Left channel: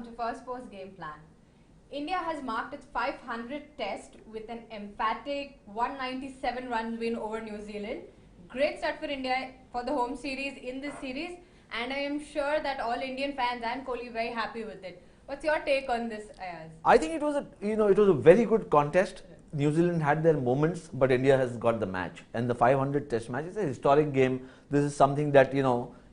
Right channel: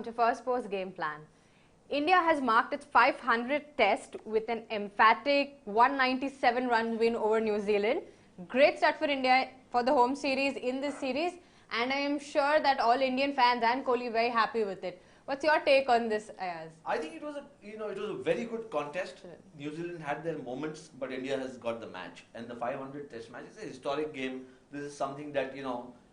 welcome to Firstpost game plan. India has marked its 500th test with an emphatic 197 runs win over New Zealand. Great start for India for the home series in this series, and I am sure that all Indian fans and Kohli are very happy with it. What's your take on this, Ayaz? I think it was a very good contest. New Zealand had their moments, but India has got the match. And the 500 test match is a historic game. This is something that,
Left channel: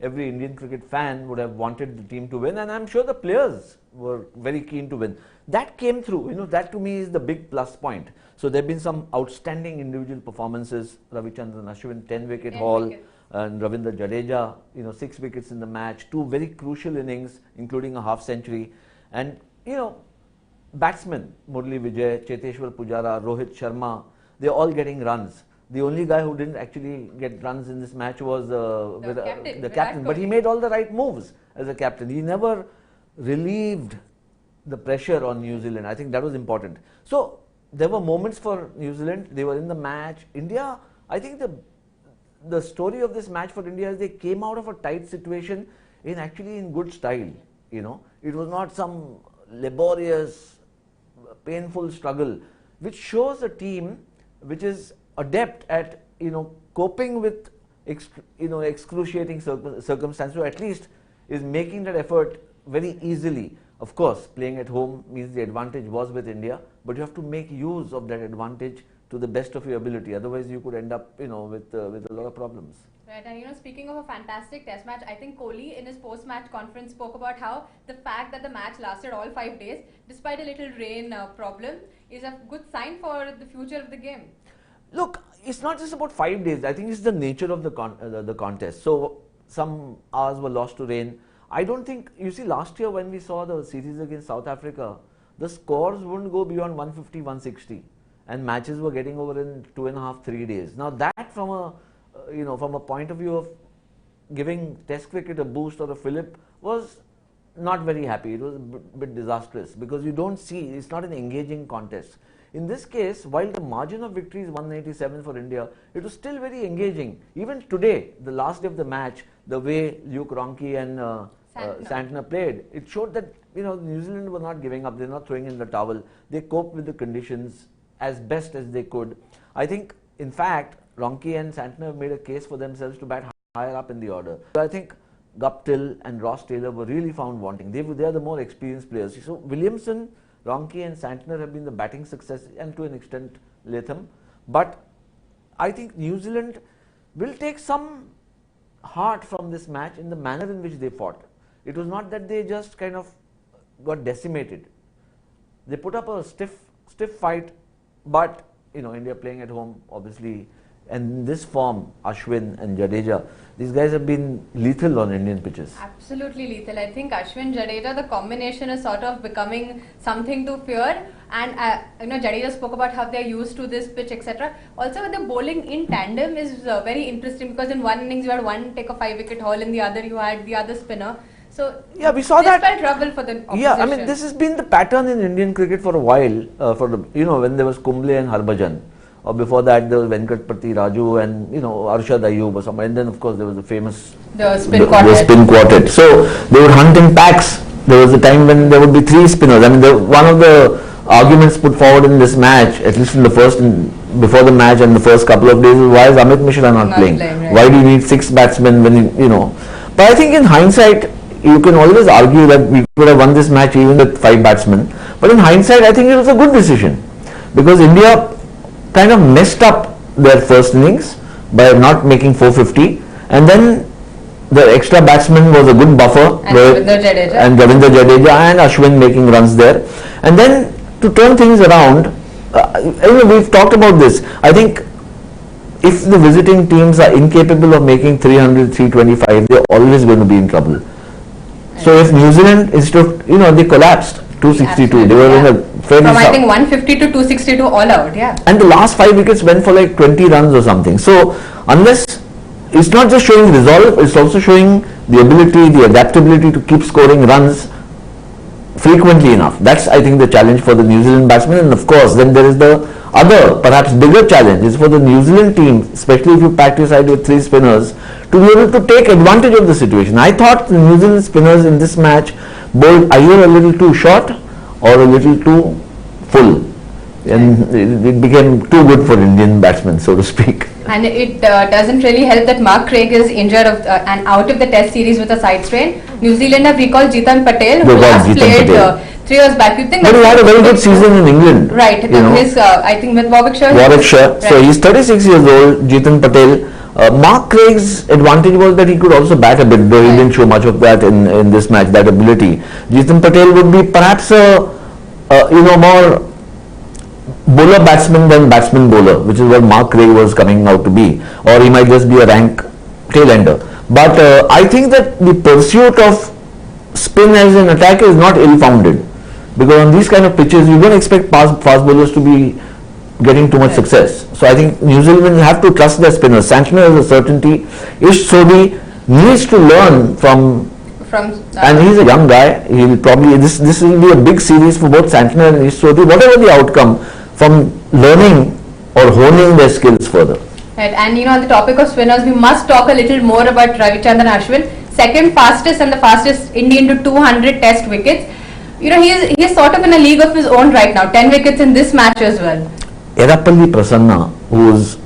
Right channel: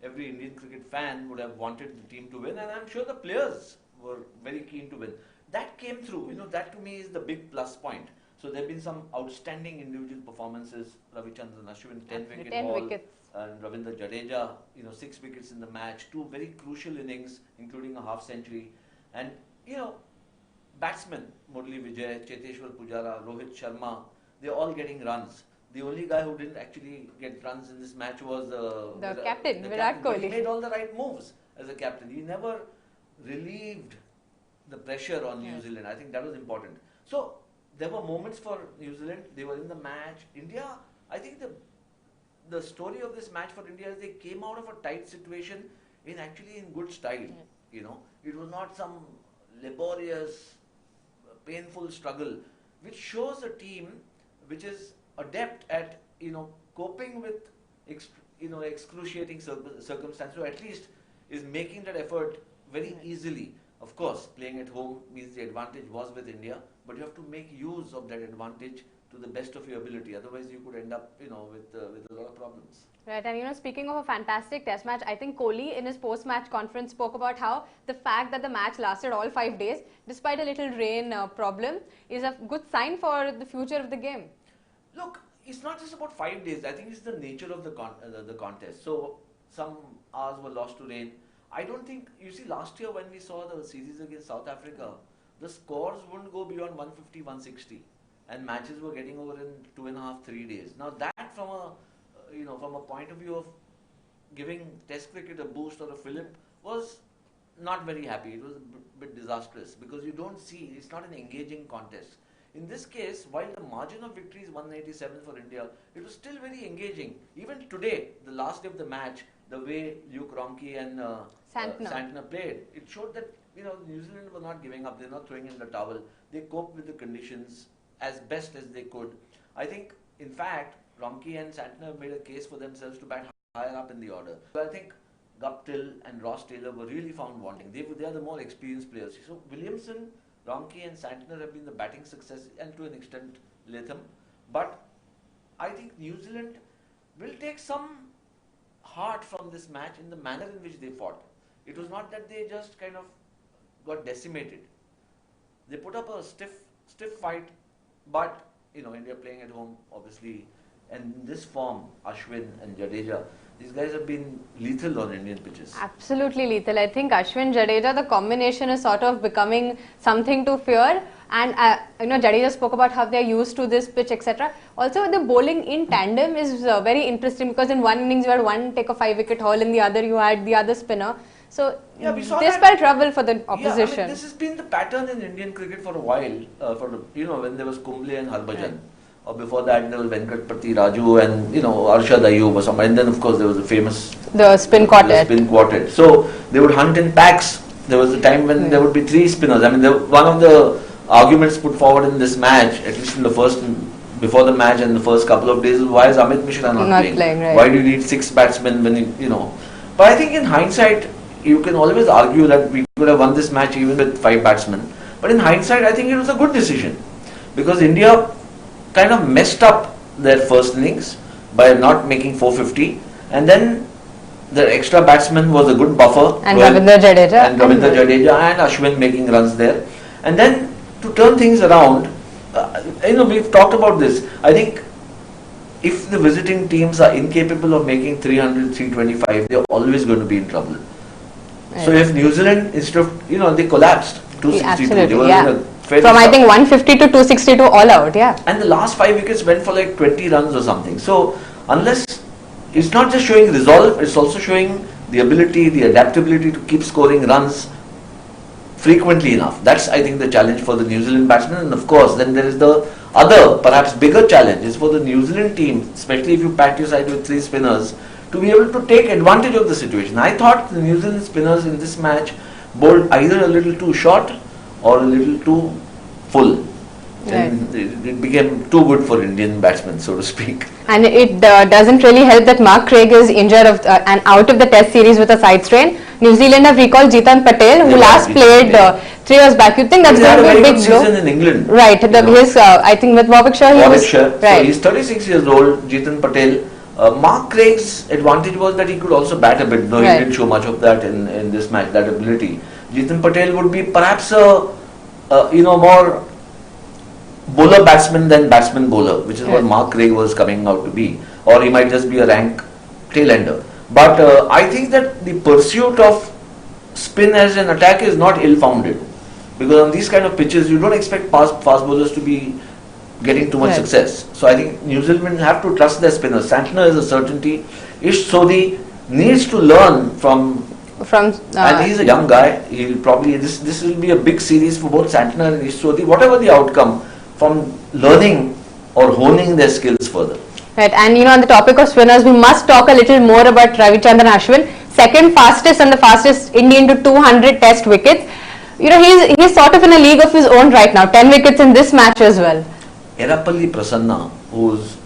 every Indian cricket fan would have wanted the team to win, and I'm sure the players were very keen to win. That came through, that to me is the big plus point. So there have been some outstanding individual performances. Ravichandran Ashwin, 10-wicket haul, and Ravindra Jadeja, 6 wickets in the match, 2 very crucial innings, including a half century. And, batsmen, Murli Vijay, Cheteshwar Pujara, Rohit Sharma, they're all getting runs. The only guy who didn't actually get runs in this match was the captain. But he made all the right moves as a captain. He never relieved the pressure on New Zealand. I think that was important. So there were moments for New Zealand. They were in the match. India, I think the story of this match for India is they came out of a tight situation in good style. It was not some laborious, painful struggle, which shows a team which is adept at coping with excruciating circumstances, or at least is making that effort very easily. Of course, playing at home means the advantage was with India, but you have to make use of that advantage to the best of your ability. Otherwise, you could end up with a lot of problems. Right, and speaking of a fantastic test match, I think Kohli in his post-match conference spoke about how the fact that the match lasted all 5 days, despite a little rain problem, is a good sign for the future of the game. Look, it's not just about 5 days. I think it's the nature of the contest. So some hours were lost to rain. I don't think, last year when we saw the series against South Africa, the scores wouldn't go beyond 150, 160, and matches were getting over in 2.5, 3 days. Now that from a point of view of giving Test cricket a boost or a fillip was not very happy. It was a bit disastrous because you don't see, it's not an engaging contest. In this case, while the margin of victory is 187 for India, it was still very engaging. Even today, the last day of the match, the way Luke Ronchi and Santner played, it showed that New Zealand were not giving up. They're not throwing in the towel. They coped with the conditions as best as they could. I think, in fact, Ronchi and Santner made a case for themselves to bat higher up in the order. So I think Guptill and Ross Taylor were really found wanting. They are the more experienced players. So Williamson, Ronchi and Santner have been the batting success, and to an extent Latham. But I think New Zealand will take some heart from this match in the manner in which they fought. It was not that they just kind of got decimated. They put up a stiff fight, but India playing at home, obviously, and in this form, Ashwin and Jadeja, these guys have been lethal on Indian pitches. Absolutely lethal. I think Ashwin, Jadeja, the combination is sort of becoming something to fear. And Jadeja spoke about how they're used to this pitch, etc. Also, the bowling in tandem is very interesting because in one innings you had one take a 5-wicket haul, in the other you had the other spinner. So yeah, we saw that. They spelled trouble for the opposition. Yeah, I mean this has been the pattern in Indian cricket for a while. When there was Kumble and Harbhajan. Or before that, there was Venkatpati Raju and Arshad Ayub or something. And then, of course, there was the famous spin quartet. So they would hunt in packs. There was a time when there would be 3 spinners. I mean, one of the arguments put forward in this match, at least in the before the match and the first couple of days, is why is Amit Mishra not playing? Right. Why do you need 6 batsmen when But I think in hindsight, you can always argue that we could have won this match even with 5 batsmen. But in hindsight, I think it was a good decision because India kind of messed up their first innings by not making 450, and then the extra batsman was a good buffer, and Ravindra Jadeja and Ashwin making runs there, and then to turn things around, we've talked about this. I think if the visiting teams are incapable of making 300, 325, they're always going to be in trouble. So if New Zealand, instead of, they collapsed 262, they were in a from I think 150 to 262 all out, yeah. And the last 5 wickets went for like 20 runs or something. So unless, it's not just showing resolve, it's also showing the ability, the adaptability to keep scoring runs frequently enough. That's, I think, the challenge for the New Zealand batsmen. And of course, then there is the other, perhaps bigger challenge is for the New Zealand team, especially if you pack your side with 3 spinners, to be able to take advantage of the situation. I thought the New Zealand spinners in this match bowled either a little too short or a little too full. And it became too good for Indian batsmen, so to speak. And it doesn't really help that Mark Craig is injured and out of the Test series with a side strain. New Zealand have recalled Jitan Patel, who last played 3 years back. You think that's he had a very good season in England. Right. His, I think with Warwickshire. Warwickshire. Right. So he's 36 years old, Jitan Patel. Mark Craig's advantage was that he could also bat a bit, though he didn't show much of that in this match, that ability. Jitan Patel would be perhaps a more bowler batsman than batsman bowler, which is what Mark Craig was coming out to be, or he might just be a rank tail ender. But I think that the pursuit of spin as an attack is not ill-founded, because on these kind of pitches you don't expect fast bowlers to be getting too much success. So I think New Zealand have to trust their spinners. Santner is a certainty. Ish Sodhi needs to learn from and he's a young guy. He'll probably this will be a big series for both Santner and Ish Sodhi, whatever the outcome, from learning or honing their skills further. Right, and on the topic of spinners, we must talk a little more about Ravichandran Ashwin, second fastest and the fastest Indian to 200 Test wickets. He's sort of in a league of his own right now. 10 wickets in this match as well. Erappalli Prasanna, who is,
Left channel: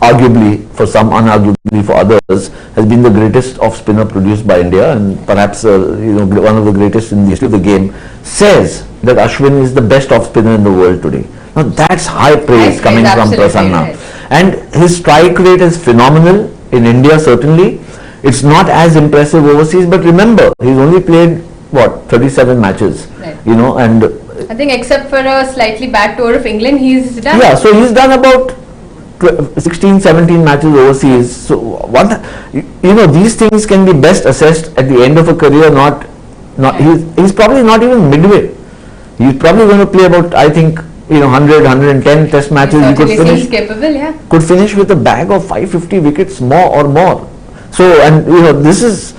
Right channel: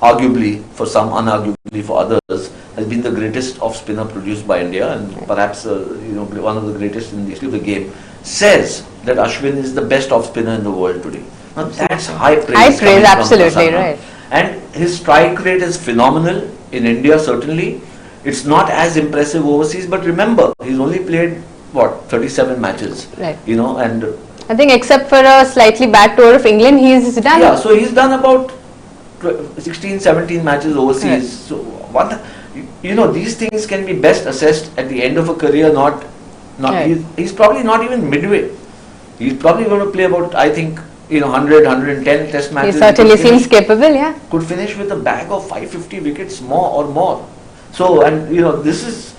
arguably for some, unarguably for others, has been the greatest off spinner produced by India, and perhaps one of the greatest in the history of the game, says that Ashwin is the best off spinner in the world today. Now that's high praise coming from Prasanna. Right. And his strike rate is phenomenal in India, certainly. It's not as impressive overseas, but remember, he's only played 37 matches, right. And I think except for a slightly bad tour of England, he's done. Yeah, so he's done about 16, 17 matches overseas. So these things can be best assessed at the end of a career. He's probably not even midway. He's probably going to play about, I think, 100, 110 Test matches. He certainly seems capable, yeah. Could finish with a bag of 550 wickets more. So, and this is,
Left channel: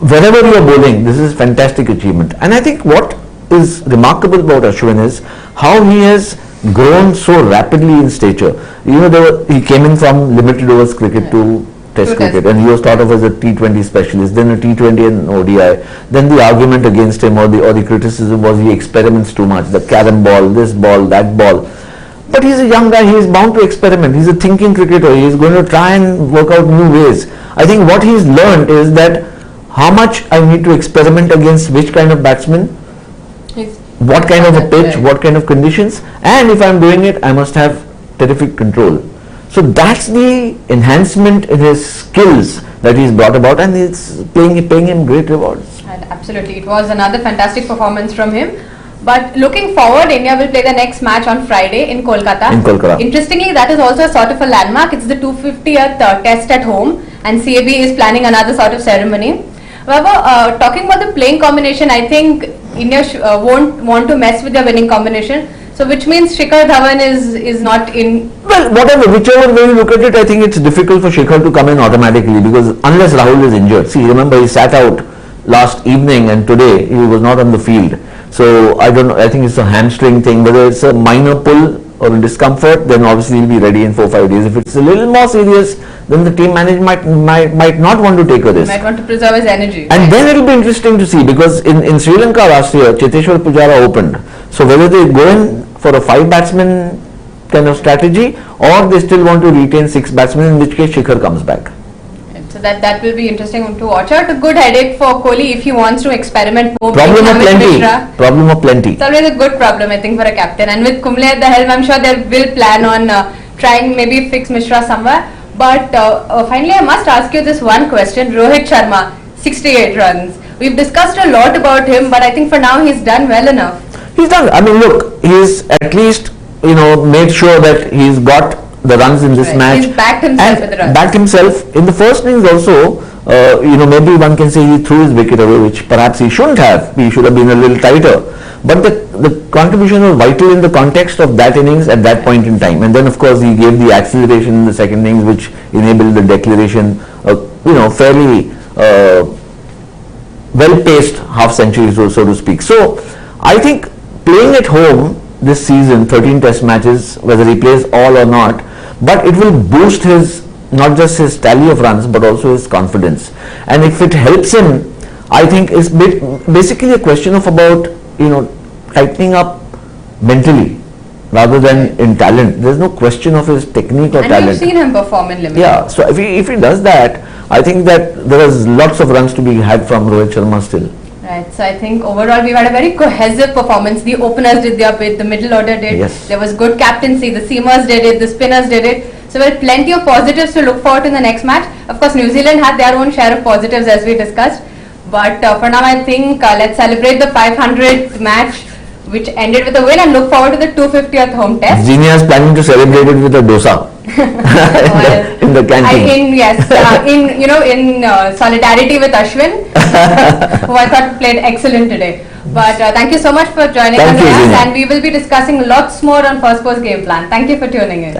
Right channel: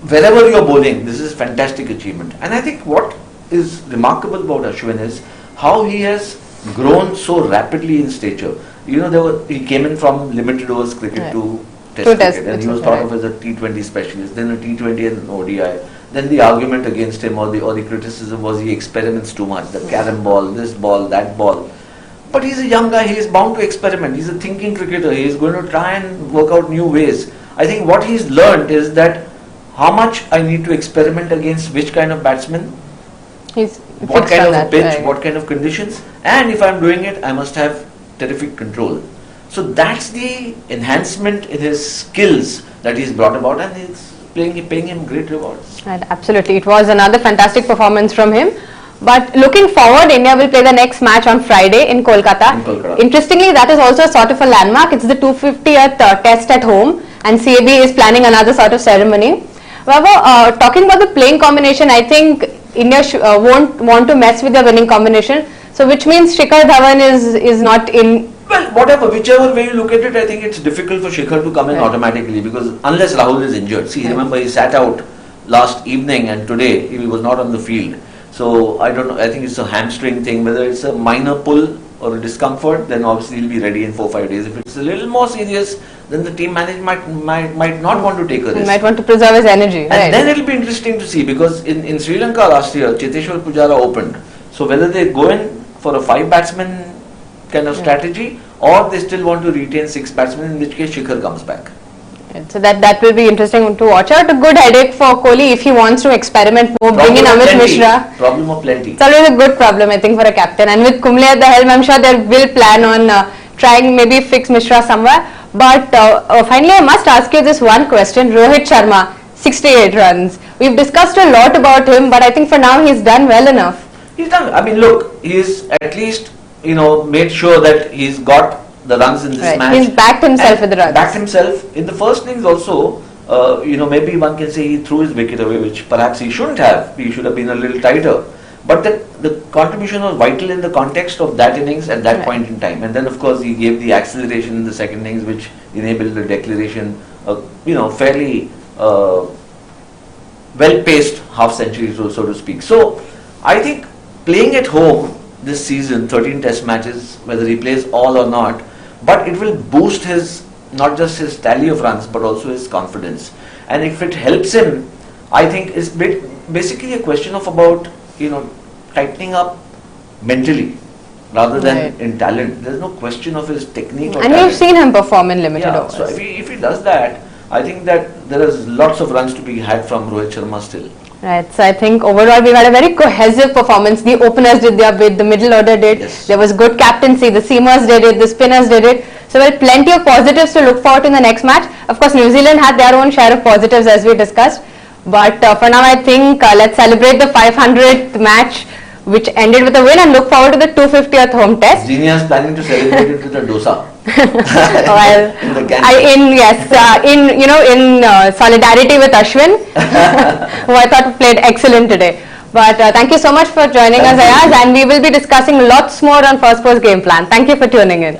wherever you are bowling, this is fantastic achievement. And I think what is remarkable about Ashwin is how he has grown so rapidly in stature. He came in from limited overs cricket to Test cricket, and he was thought of as a T20 specialist, then a T20 and ODI. Then the argument against him or the criticism was he experiments too much, the carom ball, this ball, that ball. But he's a young guy, he is bound to experiment. He's a thinking cricketer, he is going to try and work out new ways. I think what he's learned is that how much I need to experiment against which kind of batsman, what kind of a pitch, what kind of conditions, and if I'm doing it, I must have terrific control. So that's the enhancement in his skills that he's brought about, and it's paying him great rewards. Right, absolutely. It was another fantastic performance from him. But looking forward, India will play the next match on Friday in Kolkata. Interestingly, that is also a sort of a landmark. It's the 250th Test at home, and CAB is planning another sort of ceremony. However, talking about the playing combination, I think India won't want to mess with their winning combination. So which means Shikhar Dhawan is not in. Well, whichever way you look at it, I think it's difficult for Shikhar to come in automatically, because unless Rahul is injured. See, remember he sat out last evening and today he was not on the field. So I don't know, I think it's a hamstring thing. Whether it's a minor pull or a discomfort, then obviously he'll be ready in 4-5 days. If it's a little more serious, then the team management might not want to take a risk. Might want to preserve his energy. And then it'll be interesting to see, because in Sri Lanka last year, Cheteshwar Pujara opened. So whether they go in for a 5-batsman kind of strategy, or they still want to retain 6 batsmen, in which case Shikhar comes back. So that will be interesting to watch out. A good headache for Kohli if he wants to experiment more. Problem of plenty. It's always a good problem, I think, for a captain. And with Kumble at the helm, I'm sure they will plan on trying maybe fix Mishra somewhere. But finally, I must ask you this one question. Rohit Sharma, 68 runs. We've discussed a lot about him, but I think for now he's done well enough. He's done. I mean, look, he's at least made sure that he's got the runs in this match. He's backed himself with the runs. Backed himself. In the first innings also, maybe one can say he threw his wicket away, which perhaps he shouldn't have. He should have been a little tighter. But the contribution was vital in the context of that innings at that point in time. And then, of course, he gave the acceleration in the second innings, which enabled the declaration, fairly well-paced half-century, so to speak. So, I think playing at home this season, 13 Test matches, whether he plays all or not, but it will boost not just his tally of runs, but also his confidence. And if it helps him I think it's basically a question of about, tightening up mentally rather than in talent. There's no question of his technique or And talent. we've seen him perform in limited. Yeah, so if he does that, I think that there is lots of runs to be had from Rohit Sharma still. Right, so I think overall we've had a very cohesive performance. The openers did their bit, the middle order did. Yes. There was good captaincy, the seamers did it, the spinners did it. So there are plenty of positives to look forward to in the next match. Of course, New Zealand had their own share of positives as we discussed. But for now, I think let's celebrate the 500th match, which ended with a win, and look forward to the 250th home test. Genius planning to celebrate it with a dosa. Well, in the canteen. in solidarity with Ashwin, who I thought played excellent today. But thank you so much for joining us, Ayaz, and we will be discussing lots more on Firstpost game plan. Thank you for tuning in.